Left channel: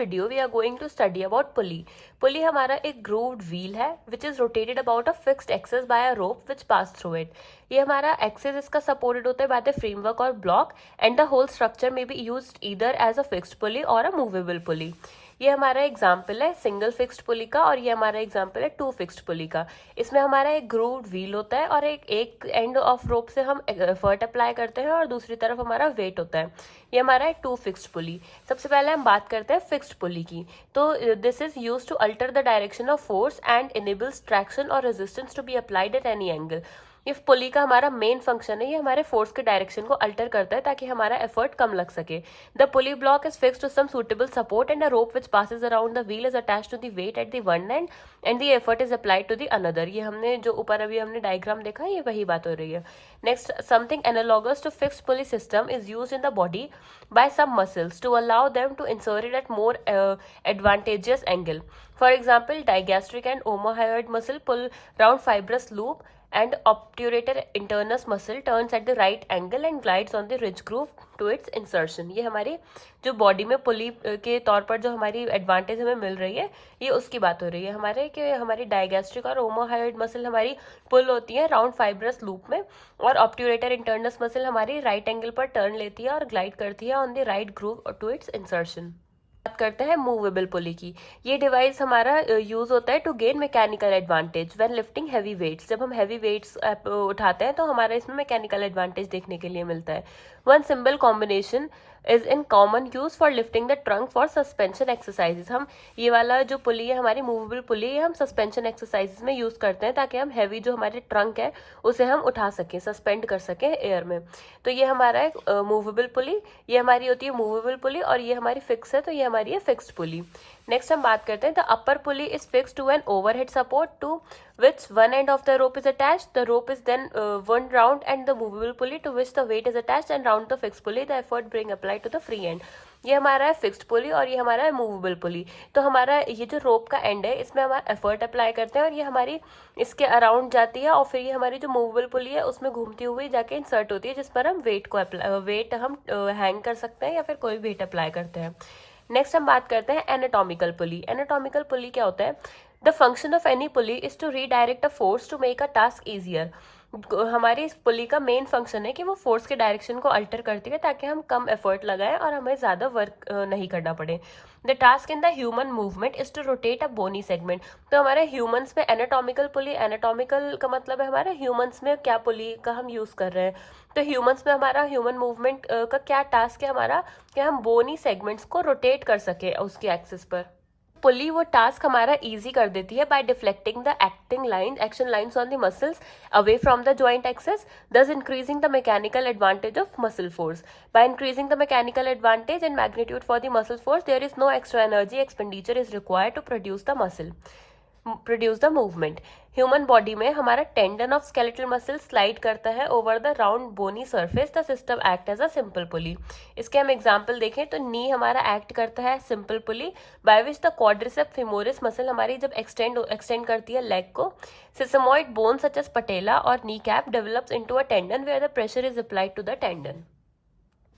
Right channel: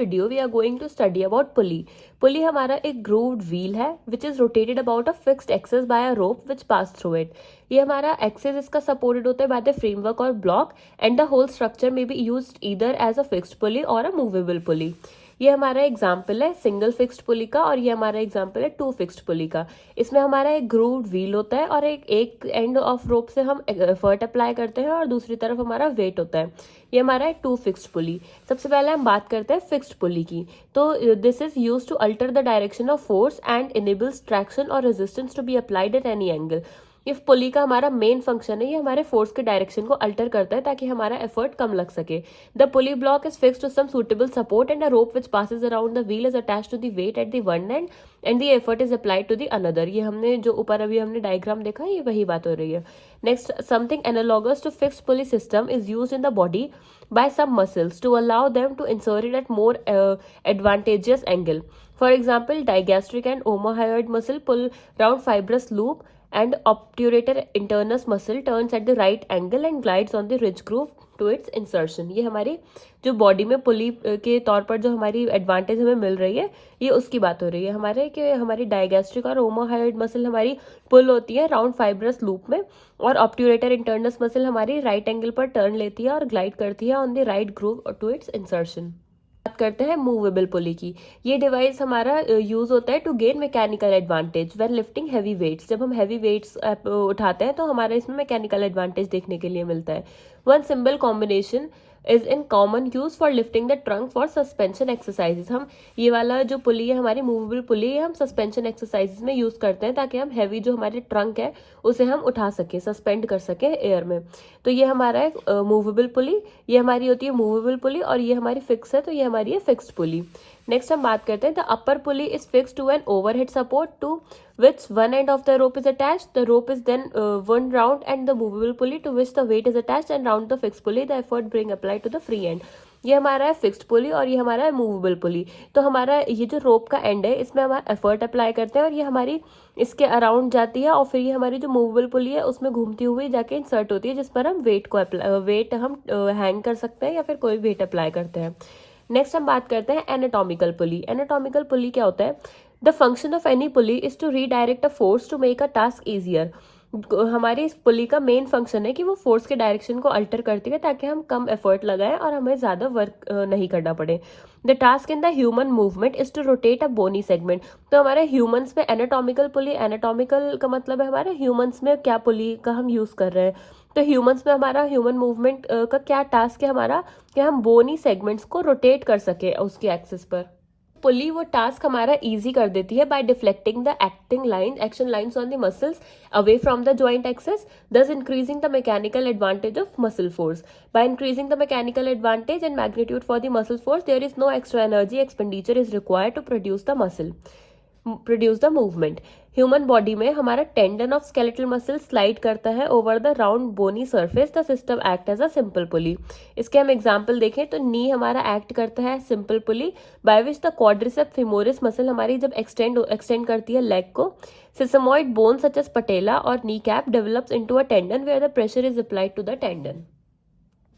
Video we are going to study about pulley. Pulley हमारा एक grooved wheel है which is rotated about a fixed axis by a rope which pass through it. ये हमारा axis इसका supported होता है by the framework और block and the whole structure में be used either as a fixed pulley और a movable pulley. ये हमारा एग्जाम्पल है सिंगल फिक्स्ड पुली का और ये हमारा एग्जाम्पल है टू फिक्स्ड पुली का। इसमें हमारा एक ग्रूव्ड व्हील होता है और एक एंड ऑफ रोप से हम एफर्ट अप्लाई करते हैं और दूसरी तरफ हमारा वेट होता है। ये हमारा है टू फिक्स्ड पुली। सबसे पहले हम बात करते हैं फिक्स्ड पुली की। तो this is use to alter the direction of force and enables traction और resistance to be applied at any angle. इस पुली का हमारा मेन फंक्शन है, ये हमारे फोर्स के डायरेक्शन को अल्टर करता है ताकि हमारा एफर्ट कम लग सके। The pulley block is fixed to some suitable support and a rope which passes around the wheel is attached to the weight at the one end the effort is applied to the another. ये हमने जो ऊपर अभी हमने diagram देखा ये वही बात हो रही है। Next, something analogous to fixed pulley system is used in the body by some muscles to allow them to insert it at more advantageous angle. For example, digastric and omohyoid muscle pull round fibrous loop and obturator internus muscle turns at the right angle and glides on the ridge groove to its insertion. ये हमारी जो body में पुली के तौर पर जो हमारी advantage हमें मिल रही है ये उसकी बात हो रही है हमारे कि हमारी डायगैस्ट्रिक और ओमोहायोइड मसल हमारी पुल होती है राउंड फाइब्रस लूप में और ऑब्ट्यूरेटर इंटरनस मसल हमारी राइट एंगल पर टर्न लेती है और ग्लाइड करती है on the right groove to its insertion. बात करते हैं मूवेबल पुली की। ये डिवाइस हमारा यूज होता है to gain mechanical advantage when lifting heavy weights. जब हम हैवी वेट्स उठाते हैं तो हमारा इसमें मैकेनिकल एडवांटेज देखने के लिए मिलता है। One symbol combination is in common use for lifting the trunk for suspension exercises. हम ये वाला जो पुली है हमारी मूवेबल पुली है हम सस्पेंशन एक्सरसाइजेस में यूज करते हैं ताकि हम हैवी जो हमारे ट्रंक है उसे हम उठा सकें, सस्पेंड कर सकें एयर में। तो ये हमारा एक मूवेबल पुली, ये हमारी होती है मूवेबल पुली और ये हमारी फिक्स है तो ये हमारी है फिक्स्ड पुली। नेक्स्ट हम बात करते हैं the upper pulley is fixed to an overhead support to which one end of the rope is attached. The rope is then wound round and the movable pulley to which the weight is attached and round the fixed pulley the effort being applied to the free end. ये हमारा है fixed pulley और ये हमारा है movable pulley. तो हमारा ये जो रोप का एंड है इसमें हमारा एफर्ट अप्लाई करते हैं और ये हमारी इसके अराउंड जाती है और फिर ये हमारी जो मूवेबल पुली है उसमें घूमती हुई जाके इंसर्ट होती है जिस पर हम वेट हम हैंग कर सकते हैं या फिर कोई वेट अप्लाई करते हैं। नेक्स्ट हम बात करते हैं एनाटॉमिकल पुली। एनाटॉमिकल पुली क्या होता है? The function of any pulley is to redirect a force to make a task easier. हमारी इस पुली का मेन फंक्शन है कि वो फोर्स के डायरेक्शन को अल्टर करती है ताकि हम कम एफर्ट लगाएं और हमें ज़्यादा वर्क नहीं करना पड़े। The task in the human movement is to rotate a bony segment. तो हमारे ह्यूमंस में एनाटॉमिकल पुली, एनाटॉमिकल का मतलब है हमारे ह्यूमंस में क्या पुली का हम यूज़ कर रहे हैं। तो ह्यूमंस में हमारा ह्यूमन मूवमेंट का क्या टास्क है हमारा कि हम बोनी सेगमेंट्स को रोटेट कर सके उसकी एक्सिस पर। पुली वो टास्क हमारा इजी कर देती है by deflecting the action lines on the muscles away from the joint axes, thus increasing the mechanical advantage of muscle force. By increasing the mechanical advantage and magnitude for the muscle force, there is no extra energy expenditure is required to produce the movement. Human body में हमारा tendon of skeletal muscle slide करता है over the round bony surface. The system act as a simple pulley. इसके हम example देखें तो नी हमारा act करता है simple pulley by which the quadricep femoris muscle हमारी जब एक्सटेंड करती है लेग को, sesamoid bone such as patella और knee cap develops into a tendon where the pressure is applied to the tendon.